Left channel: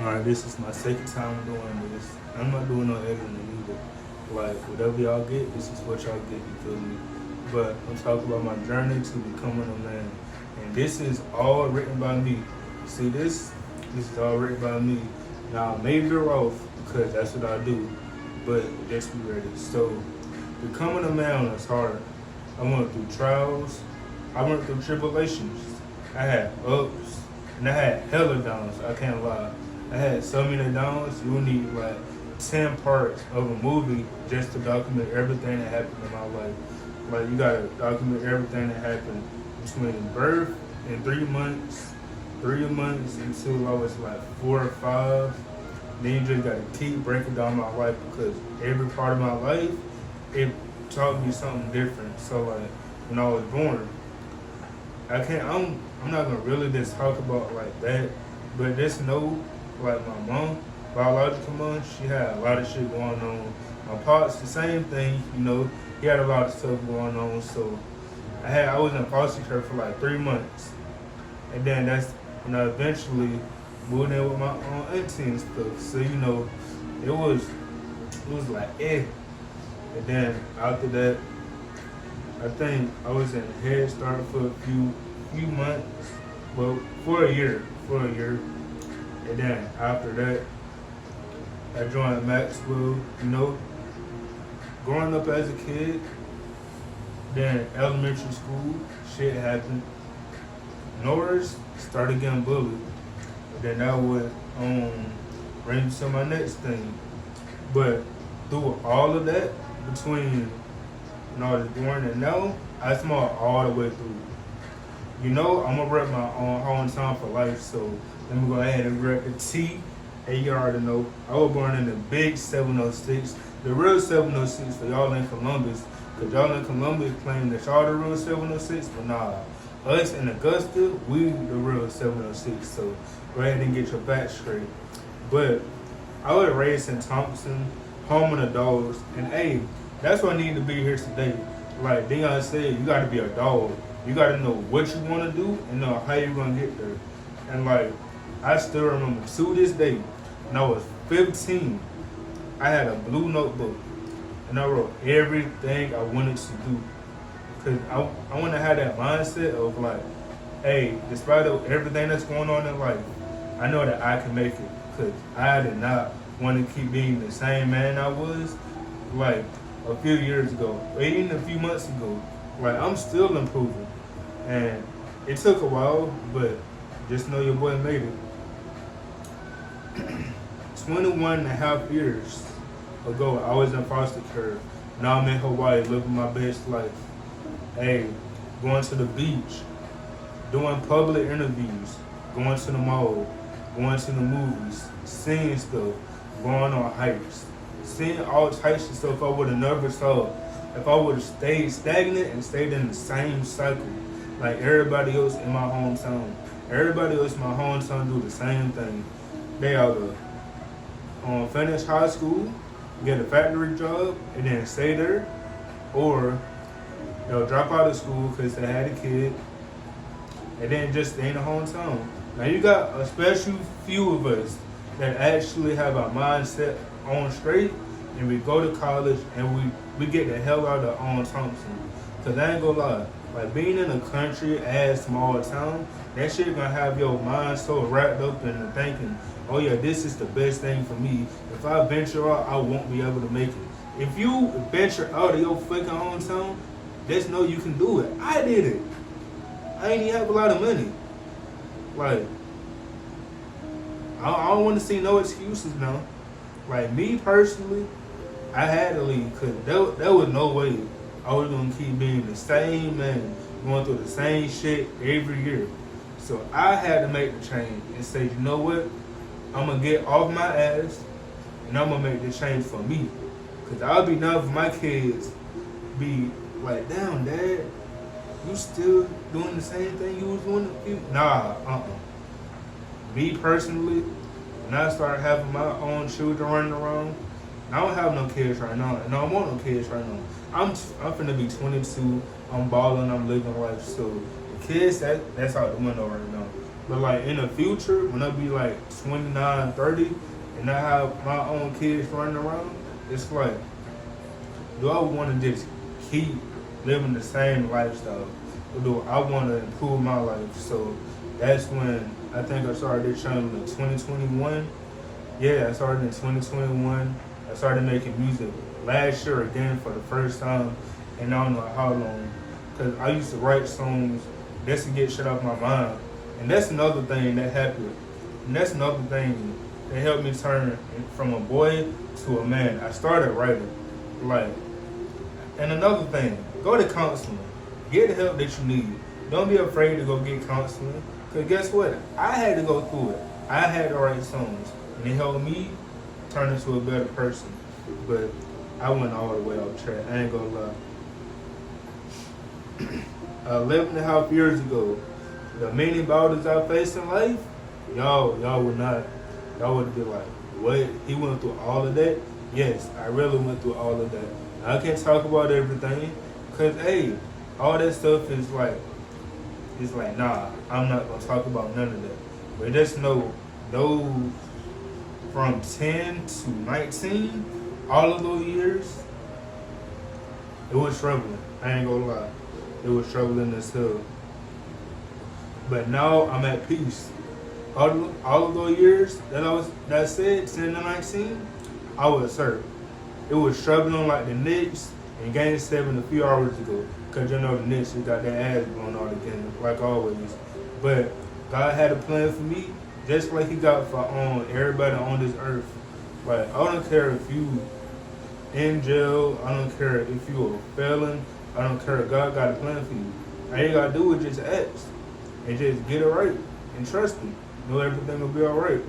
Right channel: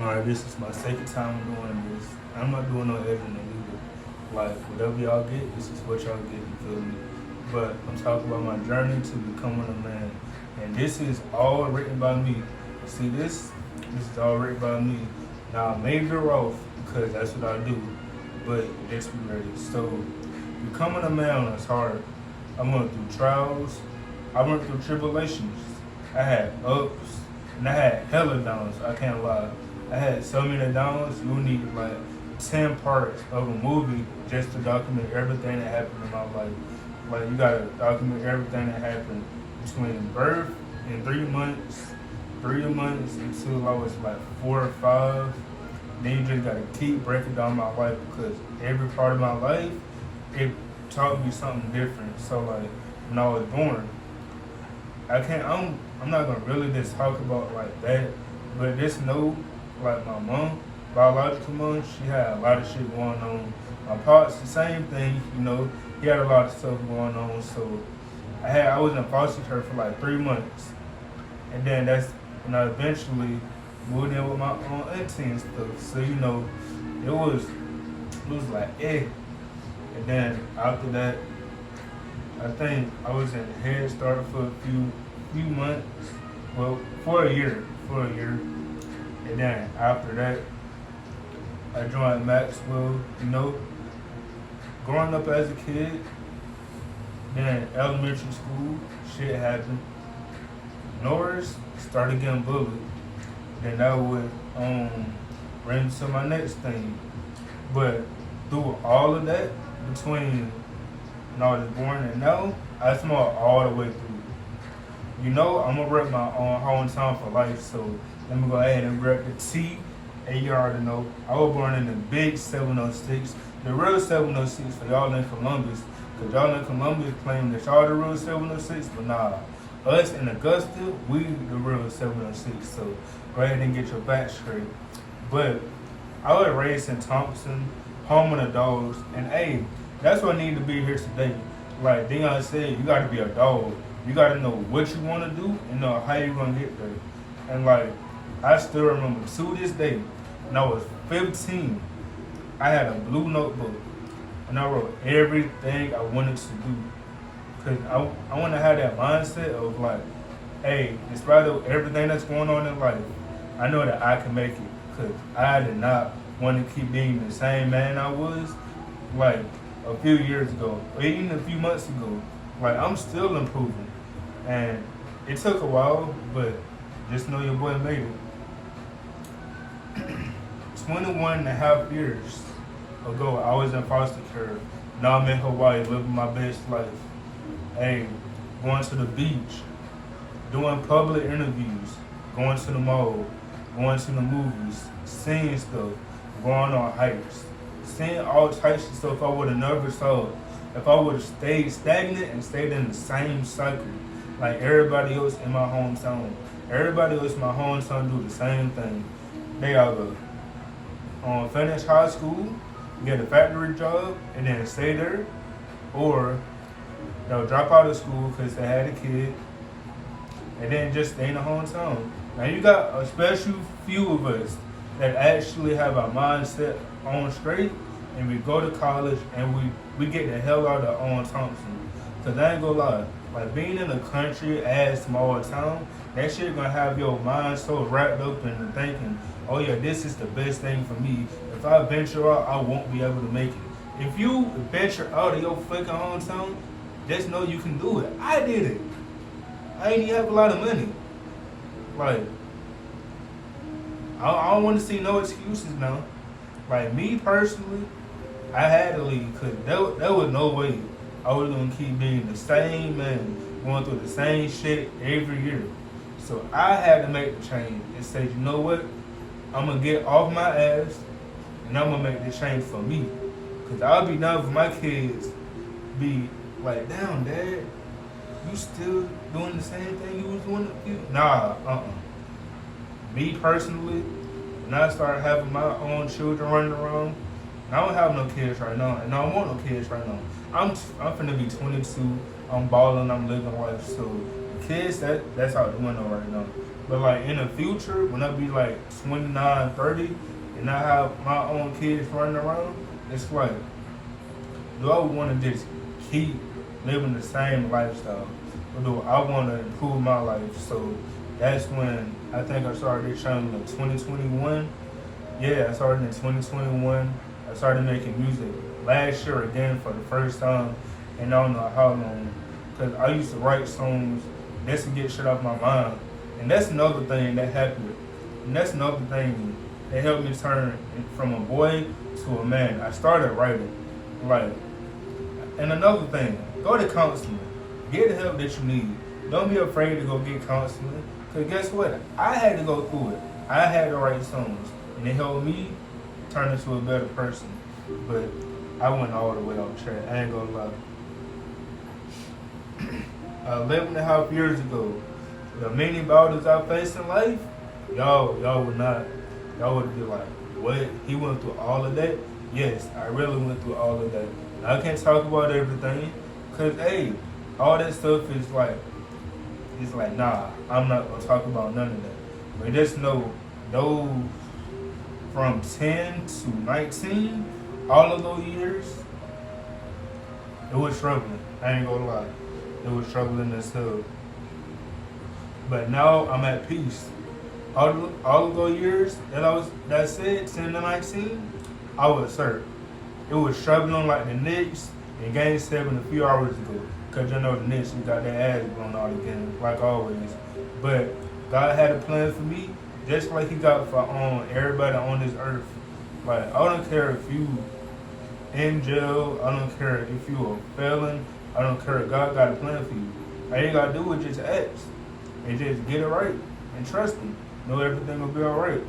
Alright, this is my second time doing this. I'm not doing no editing either. Like, whatever y'all get, this is what y'all get, you feel me? But I'm talking about my journey to becoming a man. And this is all written by me. See this? This is all written by me. Now, I may veer off because that's what I do. But just be ready. So, becoming a man was hard. I went through trials. I went through tribulations. I had ups and I had hella downs. I can't lie. I had so many downs. You need like 10 parts of a movie just to document everything that happened in my life. Like you gotta document everything that happened between birth and 3 months, 3 months until I was like 4 or 5. Then you just gotta keep breaking down my life because every part of my life, it taught me something different. So like when I was born, I can't. I'm not gonna really just talk about like that, but just know, like my mom, biological mom, she had a lot of shit going on. My pops, the same thing. You know, he had a lot of stuff going on. So I was in foster care for like 3 months, and then that's when I eventually moved in with my own auntie and stuff. So you know, it was like and then after that, I think I was in Head Start for a few months, well, for a year, and then after that, I joined Maxwell. You know, growing up as a kid, then elementary school, shit happened. Norris started getting bullied. Then that would bring me to my next thing. But through all of that, between when I was born and now, I smoked all the way through. You know, I'm gonna rep my own hometown for life, so let me go ahead and rep the T. And you already know, I was born in the big 706, the real 706 for y'all in Columbus, because y'all in Columbus claim that y'all the real 706, but nah, us in Augusta, we the real 706, so go ahead and get your facts straight. But I was raised in Thompson, home of the dogs, and hey, that's why I need to be here today. Like Dion said, you gotta be a dog. You gotta know what you wanna do and know how you're gonna get there. And like, I still remember to this day, when I was 15, I had a blue notebook and I wrote everything I wanted to do. Cause I wanna have that mindset of like, hey, despite of everything that's going on in life, I know that I can make it. Cause I did not want to keep being the same man I was like a few years ago, or even a few months ago. Like I'm still improving, and it took a while, but just know your boy made it. 21 and a half years ago, I was in foster care. Now I'm in Hawaii living my best life. Hey, going to the beach, doing public interviews, going to the mall, going to the movies, seeing stuff, going on hikes, seeing all types of stuff I would have never saw if I would have stayed stagnant and stayed in the same cycle like everybody else in my hometown. Everybody else in my hometown do the same thing. They either finish high school, get a factory job, and then stay there, or they'll drop out of school because they had a kid and then just stay in the hometown. Now you got a special few of us that actually have our mindset on straight, and we go to college and we get the hell out of Thompson. Cause I ain't gonna lie, like being in a country as small town, that shit gonna have your mind so wrapped up in the thinking, oh yeah, this is the best thing for me. If I venture out, I won't be able to make it. If you venture out of your fucking hometown, just know you can do it. I did it. I ain't even have a lot of money. Like, I don't want to see no excuses now. Like, me personally, I had to leave because there was no way I was going to keep being the same man, going through the same shit every year. So I had to make the change and say, you know what? I'm going to get off my ass and I'm going to make this change for me. Because I'll be done for my kids be like, damn, Dad, you still doing the same thing you was doing a few? Nah, Me personally, when I started having my own children running around, and I don't have no kids right now, and I don't want no kids right now. I'm finna be 22. I'm balling. I'm living life. So kids, that's out the window right now. But like in the future, when I be like 29, 30, and I have my own kids running around, it's like, do I want to just keep living the same lifestyle? Or do I want to improve my life? So that's when I think I started this channel in 2021. Yeah, I started in 2021. I started making music last year again for the first time, and I don't know how long. Because I used to write songs just to get shit off my mind. And that's another thing that happened. And that's another thing that helped me turn from a boy to a man. I started writing. Like, and another thing, go to counseling. Get the help that you need. Don't be afraid to go get counseling. Because guess what? I had to go through it. I had to write songs. And it helped me turn into a better person. But I went all the way off track. I ain't gonna lie. 11 and a half years ago, the many battles I faced in life, y'all would be like, what? He went through all of that? Yes, I really went through all of that. I can't talk about everything, cause hey, all that stuff is like, it's like, nah, I'm not gonna talk about none of that. But just know, those from 10 to 19, all of those years, it was troubling. I ain't gonna lie. It was troubling as hell. But now I'm at peace. All of those years that I said, 10 to 19, I was hurt. It was troubling like the Knicks in Game 7 a few hours ago. Because you know the Knicks, you got their ass blown out again, like always. But God had a plan for me, just like he got for everybody on this earth. Like, I don't care if you in jail, I don't care if you a felon, I don't care. God got a plan for you. All you gotta do is just ask and just get it right and trust Him. Know everything will be all right.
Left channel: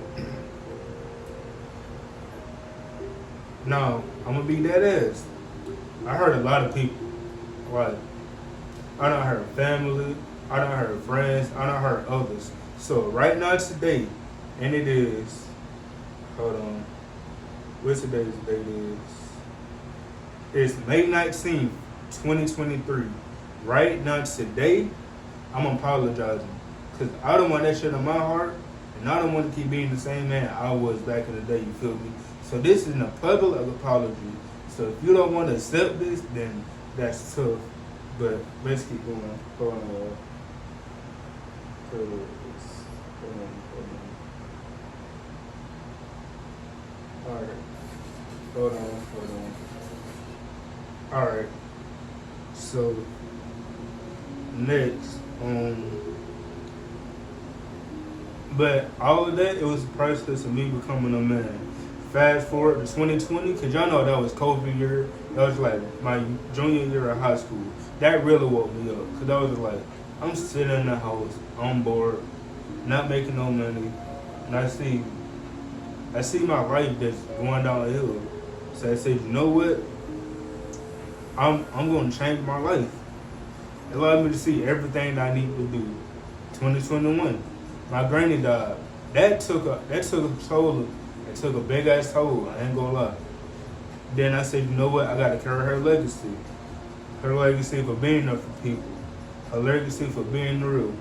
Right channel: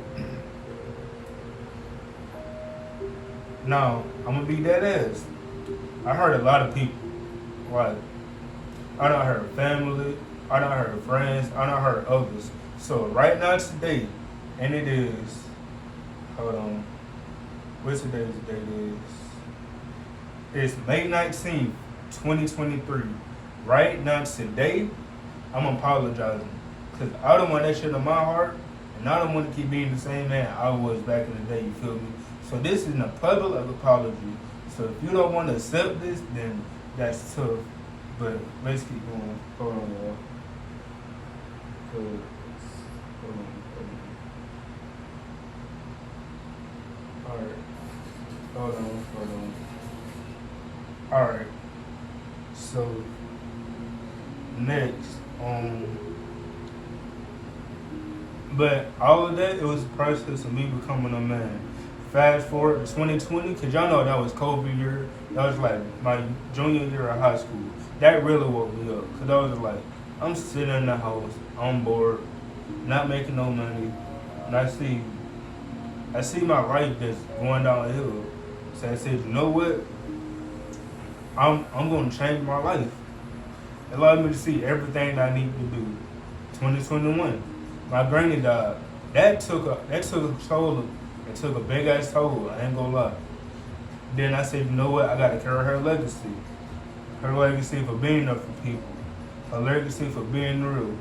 Now I'm gonna be dead ass. I heard a lot of people. Like, I done heard family, I done heard friends, I done heard others. So right now today, and it is, hold on, what's today's date is? It's May 19th. 2023. Right now, today, I'm apologizing. Because I don't want that shit in my heart. And I don't want to keep being the same man I was back in the day, you feel me? So this is a public apology. So if you don't want to accept this, then that's tough. But let's keep going. Hold on, y'all. Hold on. Alright. Hold on. Alright. So next, but all of that, it was a process of me becoming a man. Fast forward to 2020, cause y'all know that was COVID year. That was like my junior year of high school. That really woke me up, cause I was like, I'm sitting in the house, I'm bored, not making no money, and I see my life just going downhill. So I said, you know what? I'm gonna change my life. It allowed me to see everything that I need to do. 2021, my granny died. That took a toll. It took a big ass toll. I ain't gonna lie. Then I said, you know what? I gotta carry her legacy. Her legacy for being there for people. Her legacy for being real.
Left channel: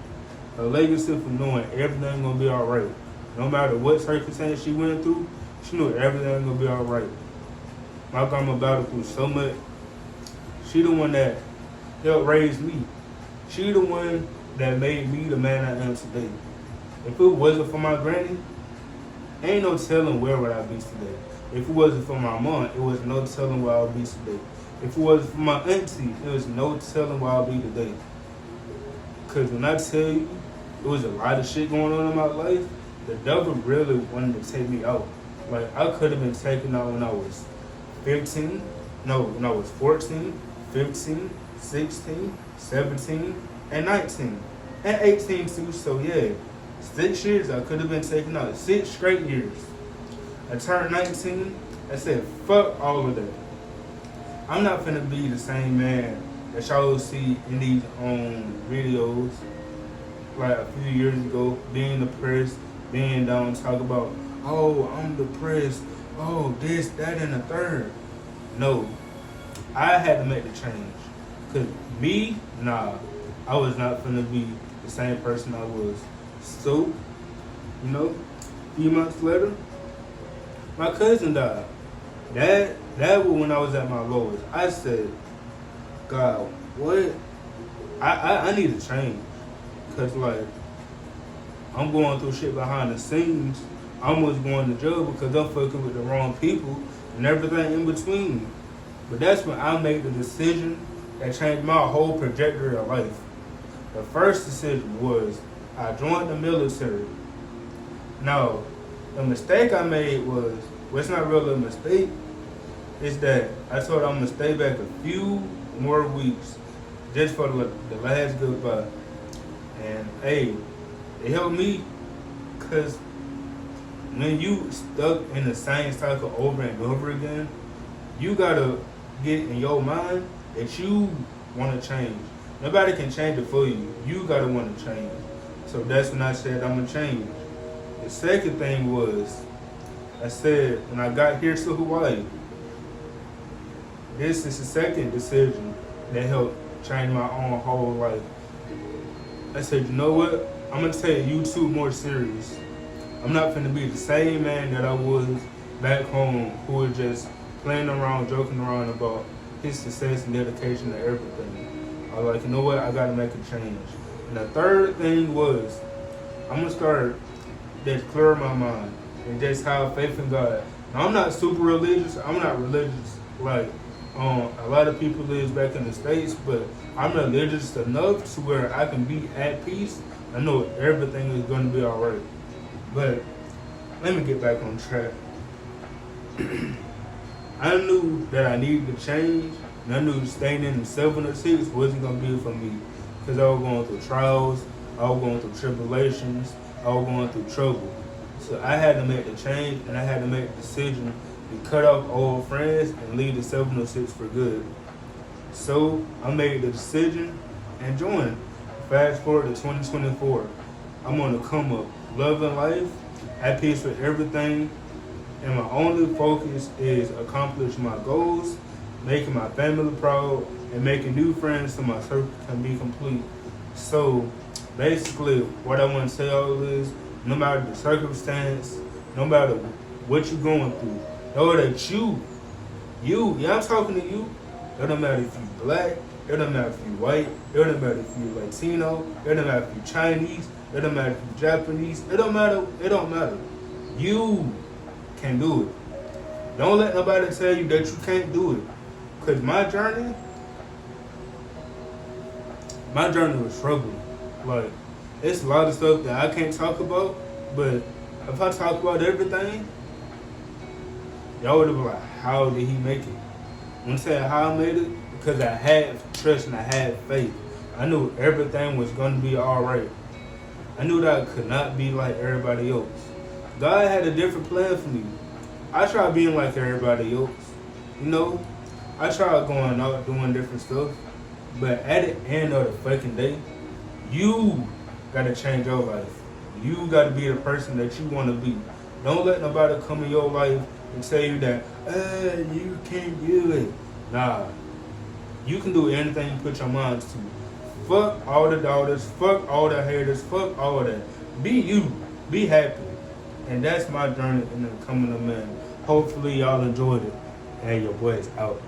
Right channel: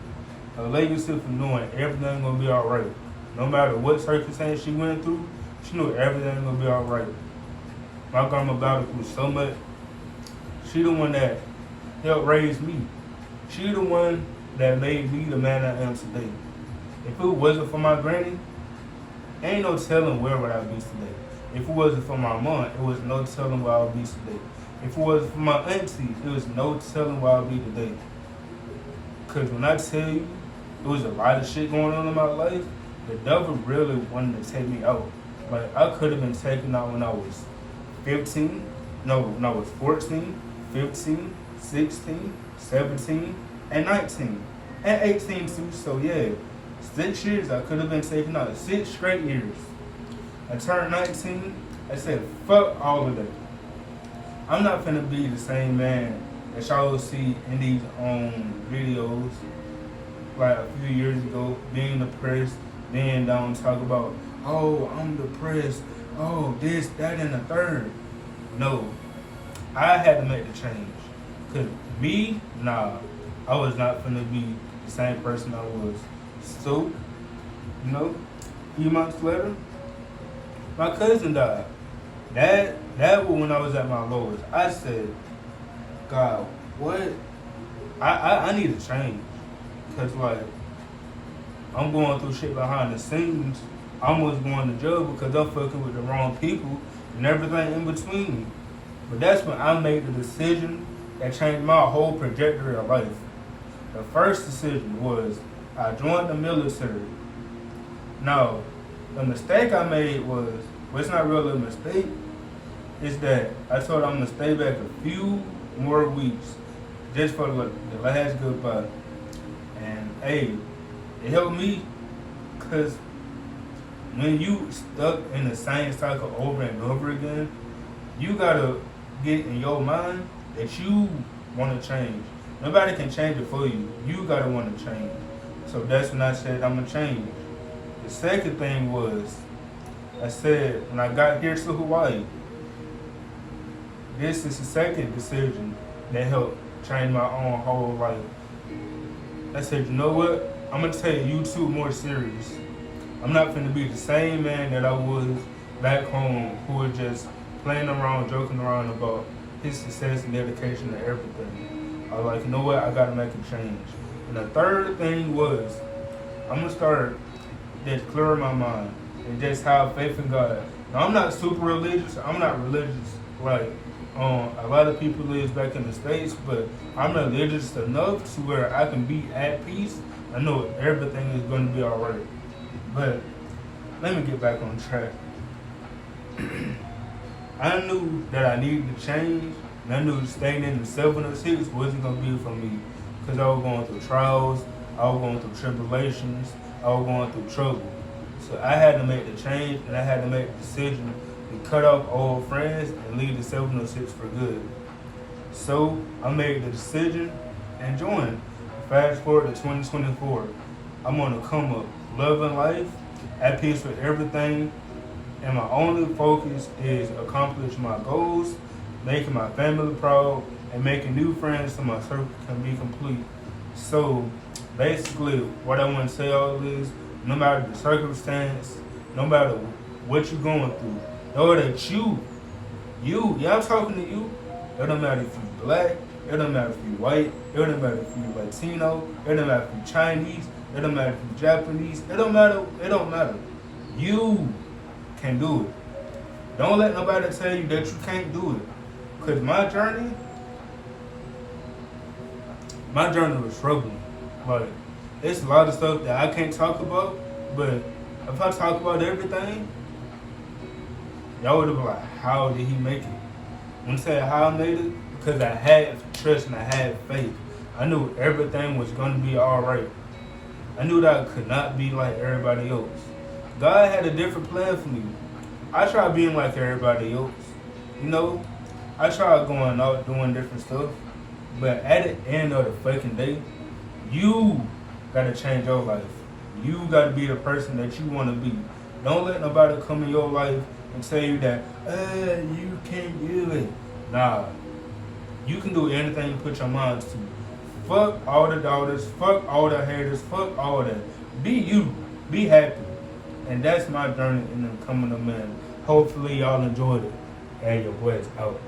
Her legacy for knowing everything gonna be alright. No matter what circumstance she went through, she knew everything gonna be alright. My grandma battled through so much. She the one that helped raise me. She the one that made me the man I am today. If it wasn't for my granny, ain't no telling where would I be today. If it wasn't for my mom, it was no telling where I would be today. If it wasn't for my auntie, it was no telling where I would be today. Cause when I tell you, there was a lot of shit going on in my life, the devil really wanted to take me out. Like, I could have been taken out when I was 15, no, when I was 14, 15, 16, 17, and 19, and 18 too. So yeah, 6 years I could have been taken out. 6 straight years. I turned 19. I said, fuck all of that. I'm not finna be the same man that y'all will see in these videos like a few years ago, being depressed, being down, talk about, oh, I'm depressed, oh, this, that, and the third. No, I had to make the change. Cause me, nah, I was not finna be the same person I was. So, you know, a few months later, my cousin died. That was when I was at my lowest. I said, God, what? I need to change. Cause like I'm going through shit behind the scenes. I almost going to jail because I'm fucking with the wrong people and everything in between. But that's when I made the decision that changed my whole trajectory of life. The first decision was I joined the military. Now, the mistake I made was, well, it's not really a mistake, it's that I told I'm gonna stay back a few more weeks just for the last goodbye. And hey, it helped me because when you stuck in the same cycle over and over again, you gotta get in your mind that you want to change. Nobody can change it for you. You gotta want to change. So that's when I said I'm gonna change. The second thing was I said when I got here to Hawaii, this is the second decision that helped change my own whole life. I said, you know what? I'm gonna take YouTube more serious. I'm not gonna be the same man that I was back home who was just playing around, joking around about his success and dedication to everything. I was like, you know what? I gotta make a change. And the third thing was, I'm gonna start just clearing my mind and just have faith in God. Now, I'm not super religious. I'm not religious like a lot of people lives back in the States, but I'm religious enough to where I can be at peace. I know everything is going to be all right. But let me get back on track. I knew that I needed to change, and I knew staying in the 706 wasn't going to be for me because I was going through trials, I was going through tribulations, I was going through trouble. So I had to make the change, and I had to make the decision to cut off old friends and leave the 706 for good. So I made the decision and joined. Fast forward to 2024. I'm on the come up, loving life, at peace with everything, and my only focus is accomplish my goals, making my family proud, and making new friends so my circle can be complete. So basically, what I want to say all is, no matter the circumstance, no matter what you're going through, know that yeah, I'm talking to you. It don't matter if you black, it don't matter if you white, it don't matter if you Latino, it don't matter if you Chinese, it don't matter if you Japanese, it don't matter. You can do it. Don't let nobody tell you that you can't do it. Cause my journey was troubling. Like, it's a lot of stuff that I can't talk about, but if I talk about everything, y'all would have been like, how did he make it? When I say how I made it, because I had trust and I had faith. I knew everything was going to be all right. I knew that I could not be like everybody else. God had a different plan for me. I tried being like everybody else. You know, I tried going out doing different stuff. But at the end of the fucking day, you got to change your life. You got to be the person that you want to be. Don't let nobody come in your life and tell you that, you can't do it. Nah, you can do anything you put your mind to. Fuck all the doubters, fuck all the haters, fuck all that. Be you, be happy. And that's my journey in becoming a man. Hopefully y'all enjoyed it. And your boy is out.